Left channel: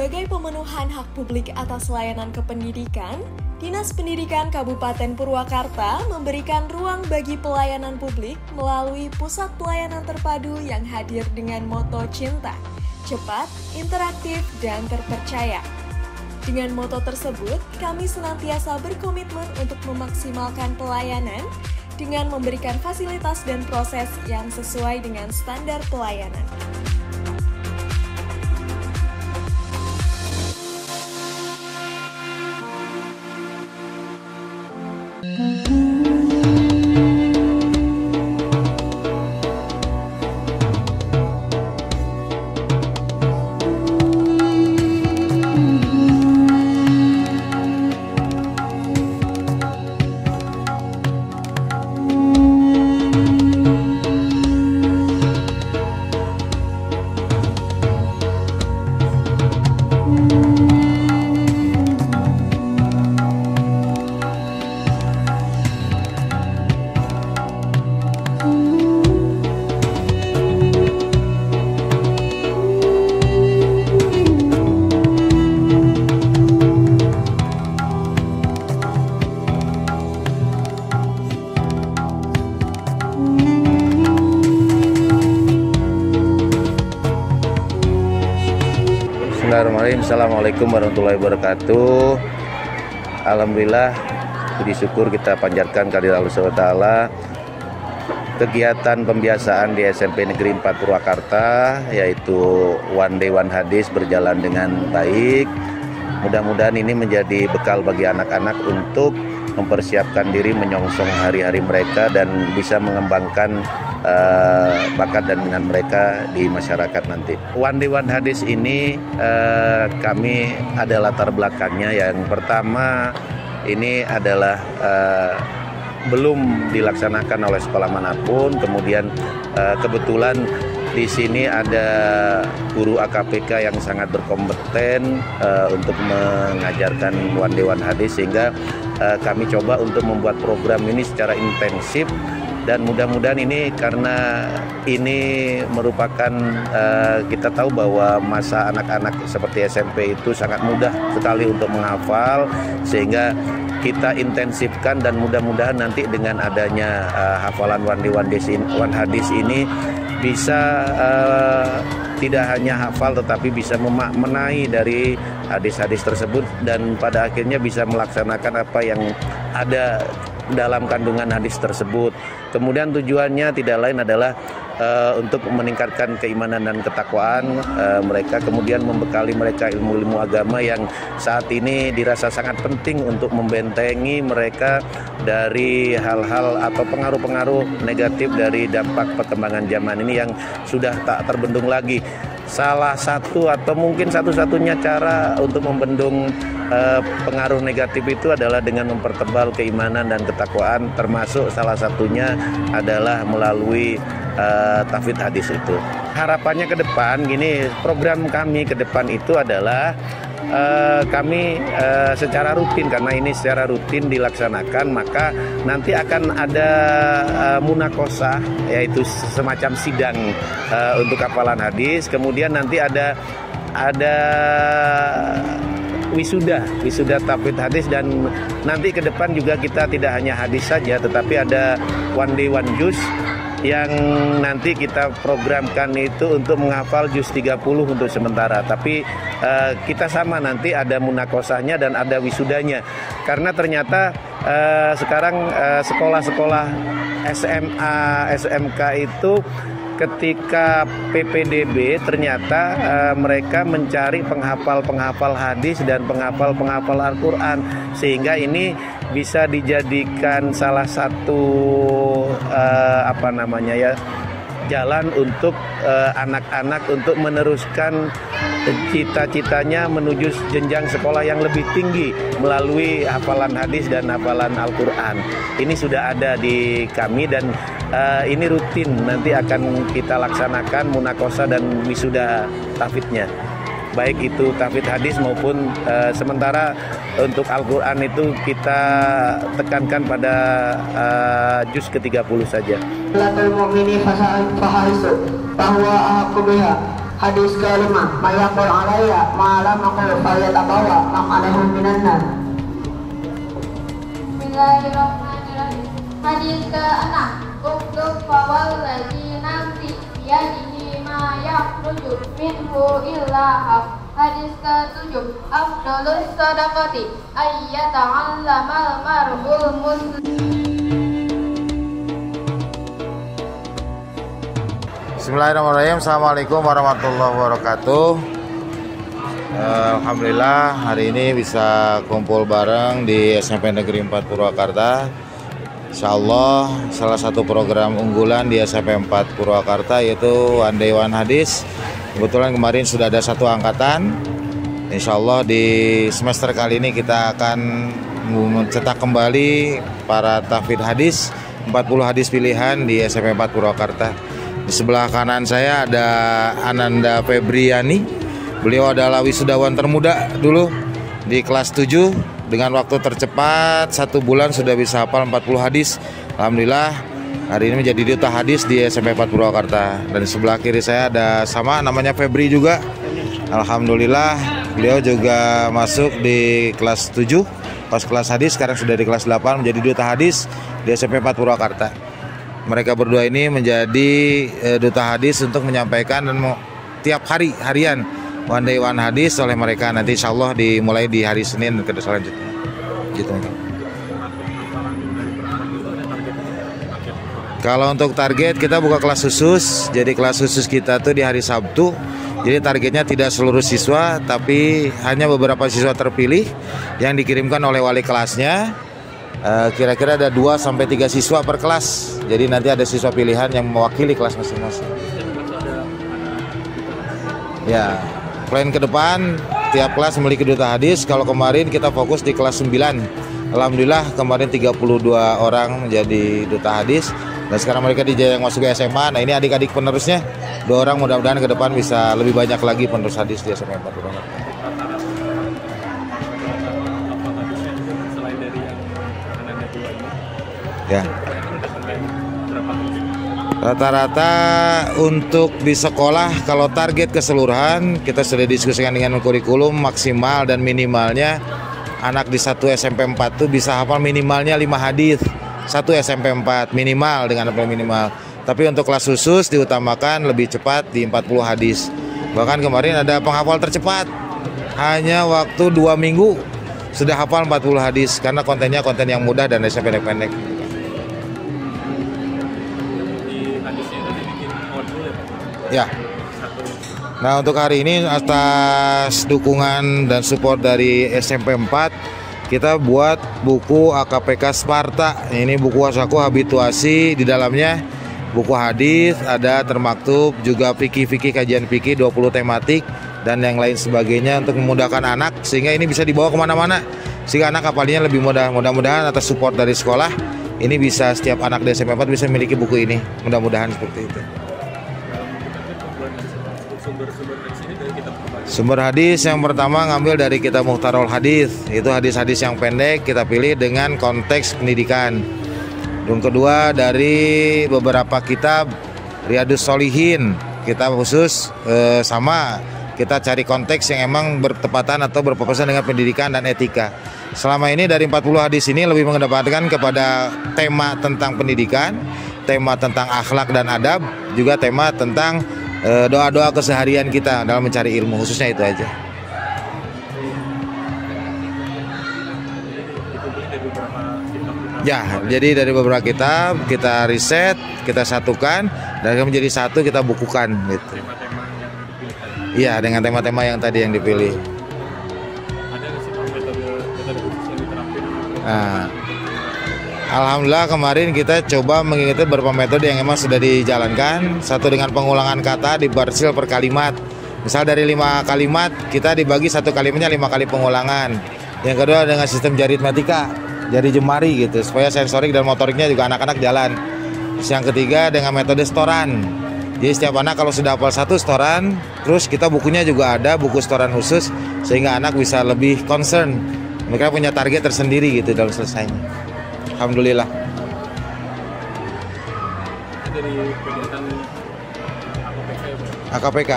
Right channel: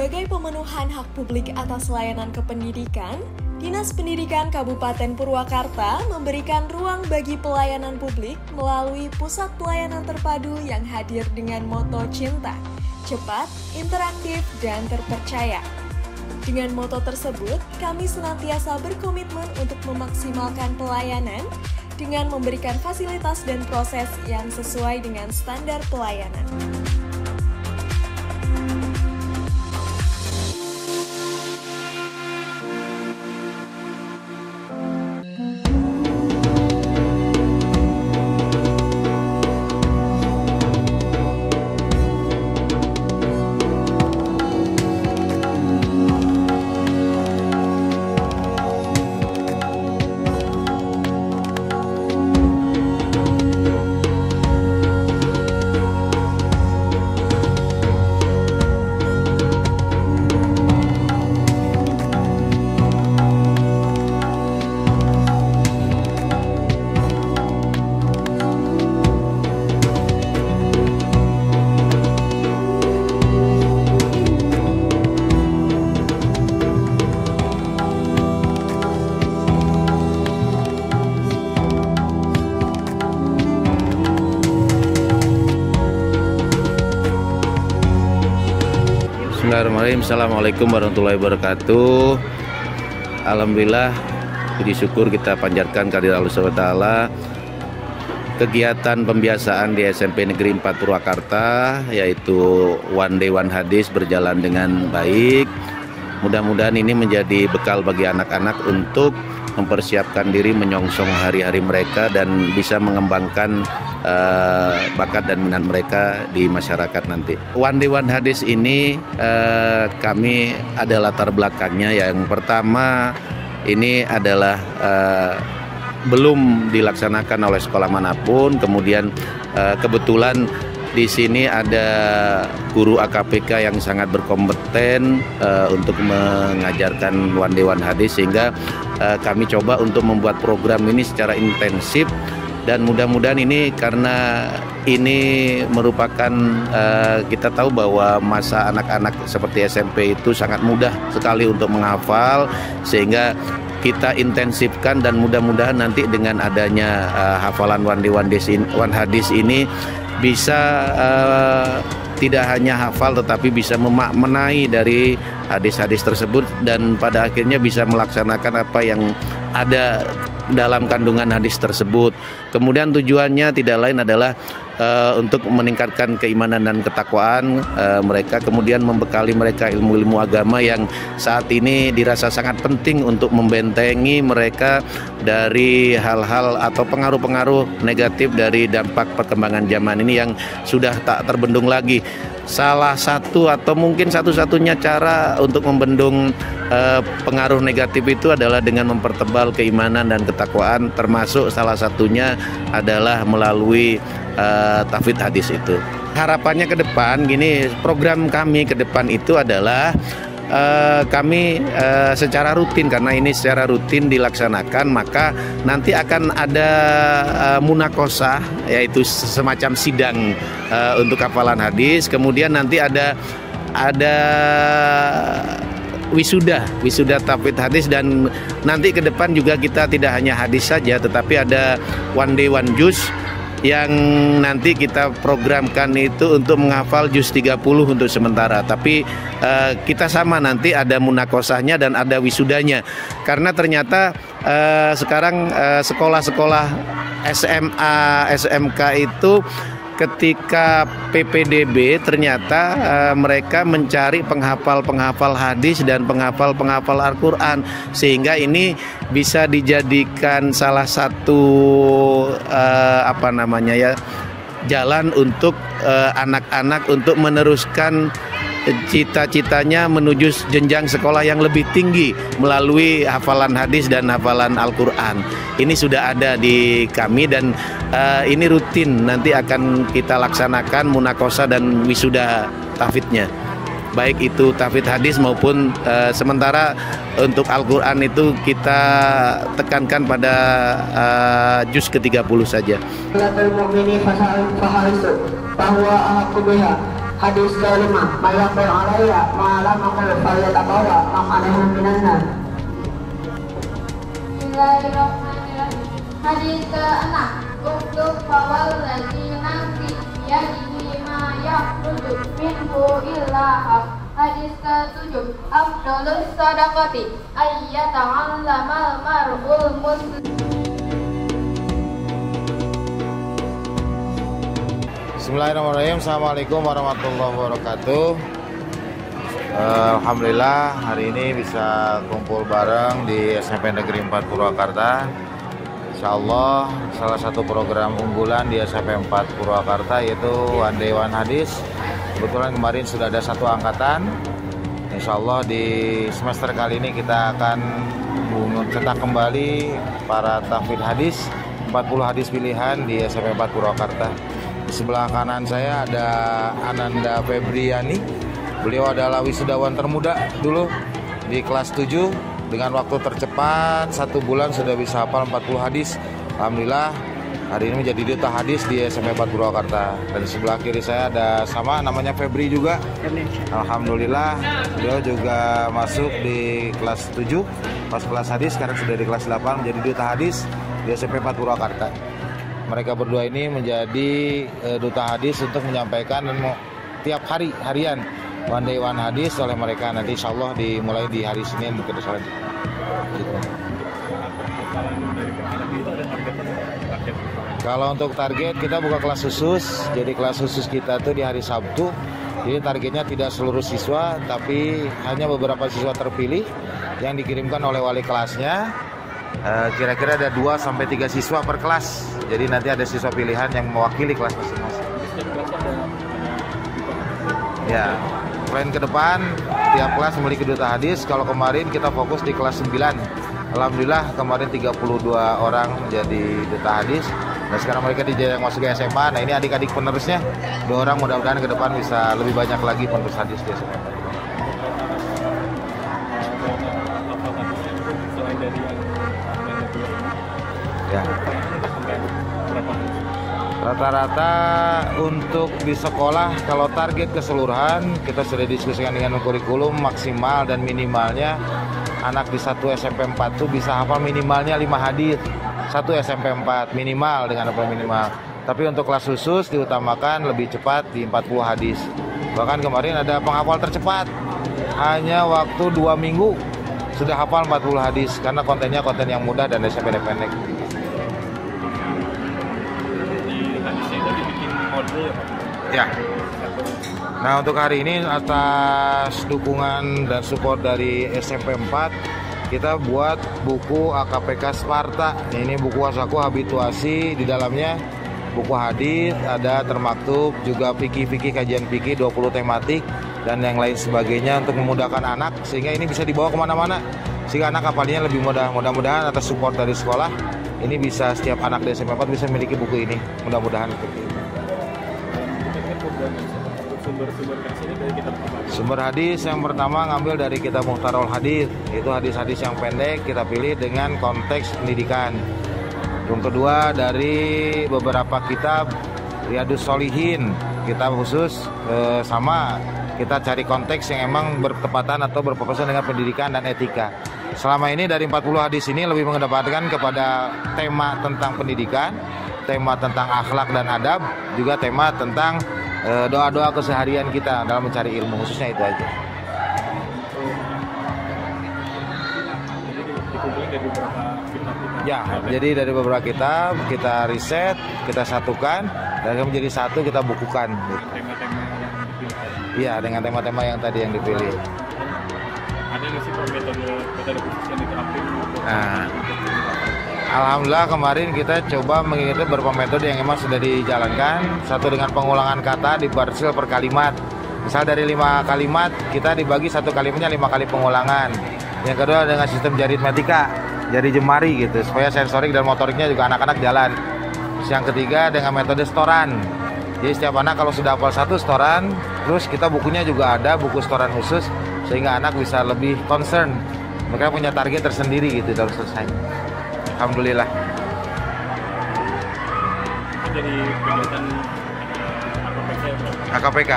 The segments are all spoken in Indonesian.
Sebagai pemenuhan hak publik atas layanan kependidikan, Dinas Pendidikan Kabupaten Purwakarta memberikan ruang bagi pelayanan publik melalui Pusat Pelayanan Terpadu yang hadir dengan moto cinta, cepat, interaktif, dan terpercaya. Dengan moto tersebut, kami senantiasa berkomitmen untuk memaksimalkan pelayanan dengan memberikan fasilitas dan proses yang sesuai dengan standar pelayanan. Bismillahirrahmanirrahim. Assalamualaikum warahmatullahi wabarakatuh. Alhamdulillah, puji syukur kita panjatkan kehadirat Allah SWT. Kegiatan pembiasaan di SMP Negeri 4 Purwakarta, yaitu One Day One Hadis, berjalan dengan baik. Mudah-mudahan ini menjadi bekal bagi anak-anak untuk mempersiapkan diri menyongsong hari-hari mereka dan bisa mengembangkan bakat dan minat mereka di masyarakat nanti. One Day One Hadis ini kami ada latar belakangnya. Yang pertama, ini adalah belum dilaksanakan oleh sekolah manapun. Kemudian kebetulan di sini ada guru AKPK yang sangat berkompeten untuk mengajarkan One Day One Hadis, sehingga kami coba untuk membuat program ini secara intensif. Dan mudah-mudahan ini, karena ini merupakan kita tahu bahwa masa anak-anak seperti SMP itu sangat mudah sekali untuk menghafal, sehingga kita intensifkan dan mudah-mudahan nanti dengan adanya hafalan One Day One Hadis ini bisa tidak hanya hafal tetapi bisa memaknai dari hadis-hadis tersebut dan pada akhirnya bisa melaksanakan apa yang ada dalam kandungan hadis tersebut. Kemudian tujuannya tidak lain adalah untuk meningkatkan keimanan dan ketakwaan mereka, kemudian membekali mereka ilmu-ilmu agama yang saat ini dirasa sangat penting untuk membentengi mereka dari hal-hal atau pengaruh-pengaruh negatif dari dampak perkembangan zaman ini yang sudah tak terbendung lagi. Salah satu atau mungkin satu-satunya cara untuk membendung pengaruh negatif itu adalah dengan mempertebal keimanan dan ketakwaan, termasuk salah satunya adalah melalui tahfidz hadis itu. Harapannya ke depan gini, program kami ke depan itu adalah kami secara rutin, karena ini secara rutin dilaksanakan, maka nanti akan ada munakosah, yaitu semacam sidang untuk hafalan hadis. Kemudian nanti ada wisuda tahfidz hadis, dan nanti ke depan juga kita tidak hanya hadis saja tetapi ada One Day One Juz yang nanti kita programkan itu untuk menghafal juz 30 untuk sementara. Tapi kita sama, nanti ada munakosahnya dan ada wisudanya, karena ternyata sekarang sekolah-sekolah SMA, SMK itu ketika PPDB ternyata mereka mencari penghafal-penghafal hadis dan penghafal-penghafal Al-Quran, sehingga ini bisa dijadikan salah satu jalan untuk anak-anak untuk meneruskan cita-citanya menuju jenjang sekolah yang lebih tinggi melalui hafalan hadis dan hafalan Al-Quran. Ini sudah ada di kami dan ini rutin nanti akan kita laksanakan munakosah dan wisuda tahfidznya. Baik itu tahfidz hadis maupun sementara untuk Al-Quran itu kita tekankan pada juz ke-30 saja. Hadis kelima, mayaqul alaiya malam aku falyatabawa maq'adahu minan nar. Bismillahirrahmanirrahim. Hadis ke-6, uktub fawalladzi nafsi biyadihi ma yakhruju minhu illa haq. Hadis ke-7, afdalus sadaqati ayyata'allamal mar'ul muslim. Bismillahirrahmanirrahim. Assalamualaikum warahmatullahi wabarakatuh. Alhamdulillah hari ini bisa kumpul bareng di SMP Negeri 4 Purwakarta. Insyaallah salah satu program unggulan di SMP 4 Purwakarta yaitu One Day One Hadis. Kebetulan kemarin sudah ada satu angkatan. Insyaallah di semester kali ini kita akan mencetak kembali para tahfidz hadis 40 hadis pilihan di SMP 4 Purwakarta. Di sebelah kanan saya ada Ananda Febriani. Beliau adalah wisudawan termuda dulu di kelas 7 dengan waktu tercepat 1 bulan sudah bisa hafal 40 hadis. Alhamdulillah hari ini menjadi duta hadis di SMP 4 Purwakarta. Dan di sebelah kiri saya ada sama namanya Febri juga. Alhamdulillah beliau juga masuk di kelas 7 pas kelas hadis, sekarang sudah di kelas 8 menjadi duta hadis di SMP 4 Purwakarta. Mereka berdua ini menjadi duta hadis untuk menyampaikan dan tiap hari harian One Day One Hadis oleh mereka. Nanti insya Allah dimulai di hari Senin ke selanjutnya. Gitu. Kalau untuk target kita buka kelas khusus. Jadi kelas khusus kita tuh di hari Sabtu. Jadi targetnya tidak seluruh siswa, tapi hanya beberapa siswa terpilih yang dikirimkan oleh wali kelasnya. Kira-kira ada 2-3 siswa per kelas. Jadi nanti ada siswa pilihan yang mewakili kelas masing-masing. Ya, plan ke depan tiap kelas memiliki duta hadis. Kalau kemarin kita fokus di kelas 9. Alhamdulillah kemarin 32 orang menjadi duta hadis. Dan sekarang mereka dijajang masuk ke SMA. Nah ini adik-adik penerusnya 2 orang, mudah-mudahan ke depan bisa lebih banyak lagi penerus hadis di SMA 4. Ya. Rata-rata untuk di sekolah kalau target keseluruhan kita sudah diskusikan dengan kurikulum maksimal dan minimalnya anak di 1 SMP 4 tuh bisa hafal minimalnya 5 hadis. 1 SMP 4 minimal dengan hafal minimal. Tapi untuk kelas khusus diutamakan lebih cepat di 40 hadis. Bahkan kemarin ada penghafal tercepat. Hanya waktu 2 minggu sudah hafal 40 hadis karena kontennya konten yang mudah dan pendek-pendek. Ya. Nah untuk hari ini atas dukungan dan support dari SMP 4 kita buat buku AKPK Sparta. Ini buku wasaku habituasi, di dalamnya buku hadis, ada termaktub juga fikih-fikih, kajian fikih 20 tematik dan yang lain sebagainya untuk memudahkan anak sehingga ini bisa dibawa kemana-mana sehingga anak hafalnya lebih mudah. Mudah-mudahan atas support dari sekolah ini bisa setiap anak di SMP 4 bisa memiliki buku ini, mudah-mudahan seperti itu. Sumber hadis yang pertama ngambil dari kitab Mukhtarul Hadis. Itu hadis-hadis yang pendek kita pilih dengan konteks pendidikan. Yang kedua dari beberapa kitab Riyadhus Shalihin, kitab khusus sama kita cari konteks yang emang bertepatan atau berfokusan dengan pendidikan dan etika. Selama ini dari 40 hadis ini lebih mengedepankan kepada tema tentang pendidikan, tema tentang akhlak dan adab, juga tema tentang doa-doa keseharian kita dalam mencari ilmu, khususnya itu aja. Ya, jadi dari beberapa kitab kita riset, kita satukan dan menjadi satu kita bukukan gitu. Iya, dengan tema-tema yang tadi yang dipilih. Ada nggak sih metode khusus yang diterapin? Nah, alhamdulillah kemarin kita coba mengikuti beberapa metode yang memang sudah dijalankan. Satu dengan pengulangan kata di parsil per kalimat. Misal dari 5 kalimat kita dibagi satu kalimatnya 5 kali pengulangan. Yang kedua dengan sistem aritmetika, jari jemari gitu supaya sensorik dan motoriknya juga anak-anak jalan. Terus yang ketiga dengan metode setoran. Jadi setiap anak kalau sudah hafal 1 setoran, terus kita bukunya juga ada buku setoran khusus sehingga anak bisa lebih concern. Mereka punya target tersendiri gitu dalam selesainya. Alhamdulillah. Jadi kegiatan AKPK. AKPK.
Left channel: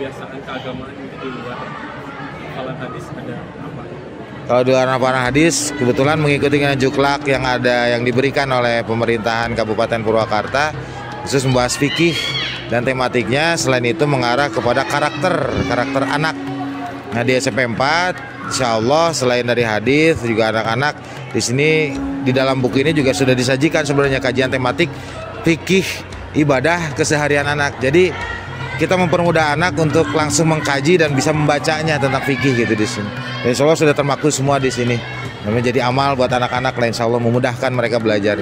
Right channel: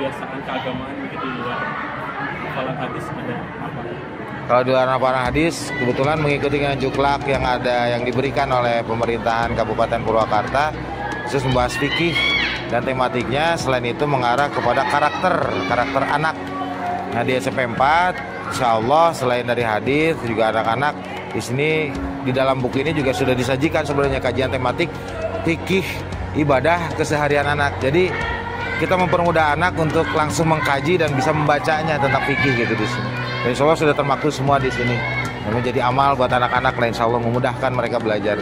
kebiasaan keagamaan mungkin di luar hafalan hadis ada apa? Kalau di luar hafalan hadis, kebetulan mengikuti juklak yang diberikan oleh pemerintahan Kabupaten Purwakarta khusus membahas fikih dan tematiknya selain itu mengarah kepada karakter anak. Nah di SMP 4, insya Allah selain dari hadis juga anak-anak di sini di dalam buku ini juga sudah disajikan sebenarnya kajian tematik fikih ibadah keseharian anak. Jadi kita mempermudah anak untuk langsung mengkaji dan bisa membacanya tentang fikih gitu di sini. Dan insya Allah sudah termaktub semua di sini. Dan menjadi amal buat anak-anak lain, insya Allah memudahkan mereka belajar.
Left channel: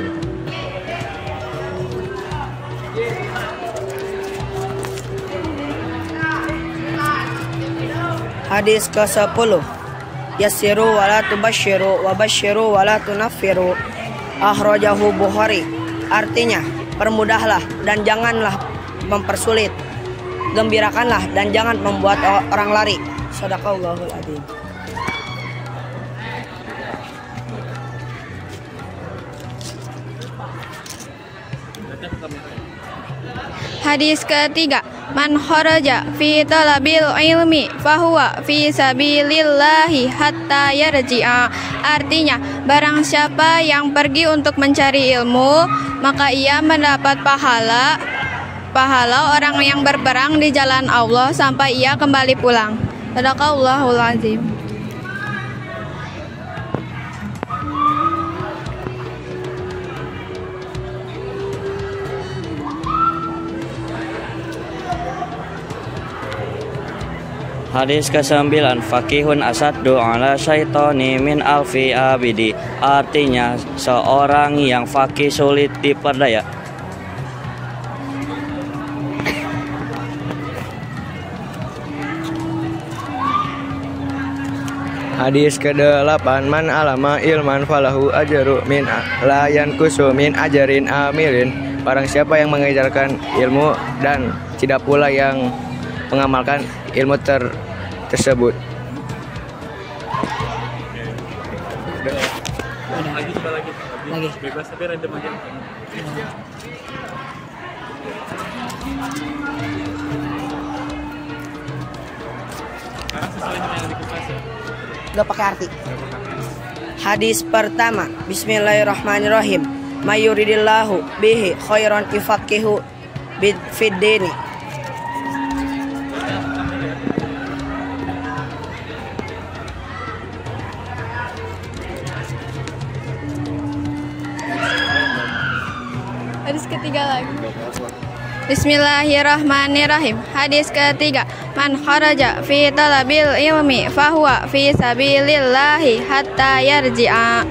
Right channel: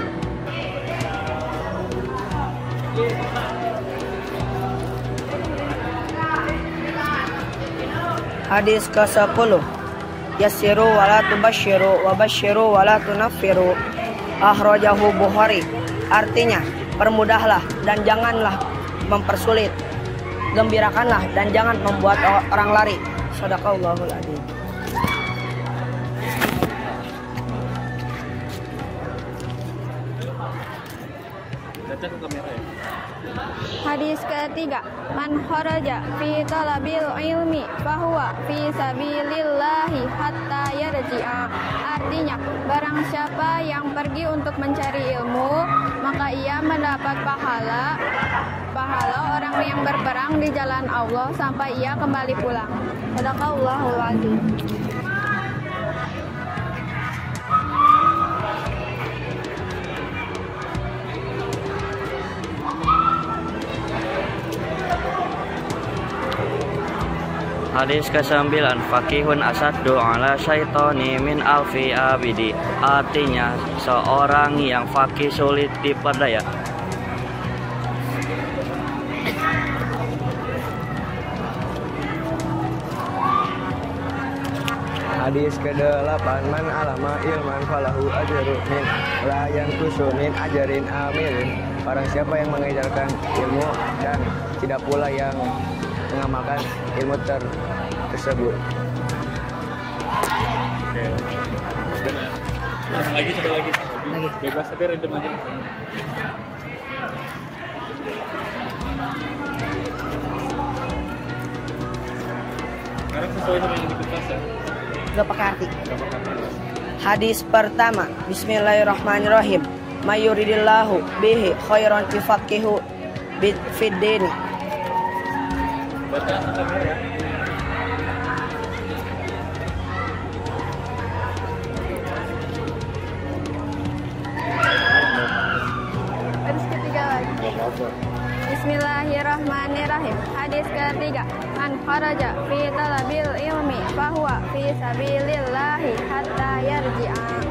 Hadis ke-10. Yassiru wa la tubashiru wa bashiru wa la tunaffiru. Akhrajahu Bukhari. Artinya, permudahlah dan janganlah mempersulit. Gembirakanlah dan jangan membuat orang lari. Shadaqallahul adzim. Hadis ketiga, man kharaja fi talabil ilmi fahuwa fi sabilillahi hatta yarji'a. Artinya, barang siapa yang pergi untuk mencari ilmu, maka ia mendapat pahala orang yang berperang di jalan Allah sampai ia kembali pulang. Shadaqallahul adzim. Hadis ke-9, fakihun asaddu ala syaitoni min alfi abidi. Artinya seorang yang fakih sulit diperdaya. Hadis ke-8, man alama ilman falahu ajru min la yankusu min ajarin amilin. Barang siapa yang mengajarkan ilmu dan tidak pula yang mengamalkan ilmu tersebut. Coba lagi. Bebas tapi random aja. Sekarang sesuai sama yang ditulis ya. Gak pakai arti. Hadis pertama, Bismillahirrahmanirrahim. Mayuridillahu bihi khairan yufaqihu fid dini. Hadis ketiga lagi. Bismillahirrahmanirrahim. Hadis ketiga, man kharaja fi talabil ilmi fahuwa fi sabilillahi hatta yarji'a.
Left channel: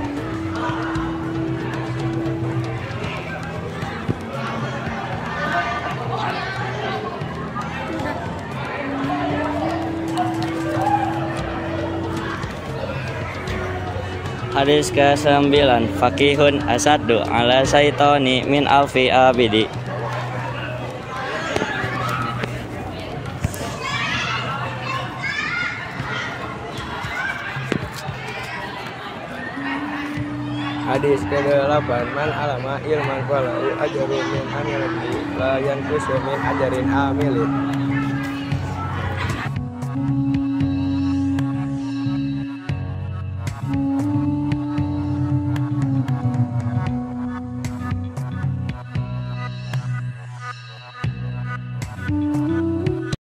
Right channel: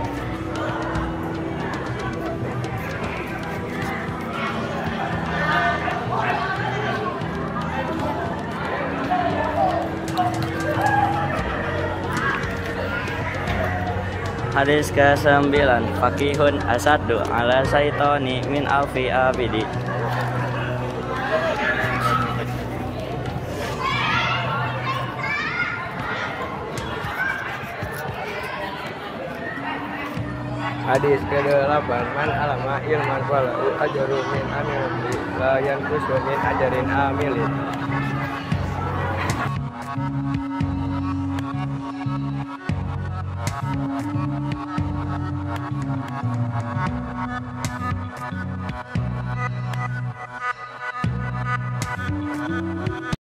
Hadis ke-9, fakihun asaddu ala syaitoni min alfi abidi. Hadis ke-8, man alama ilman falahu ajru min amilin la yanqusu min ajarin amilin.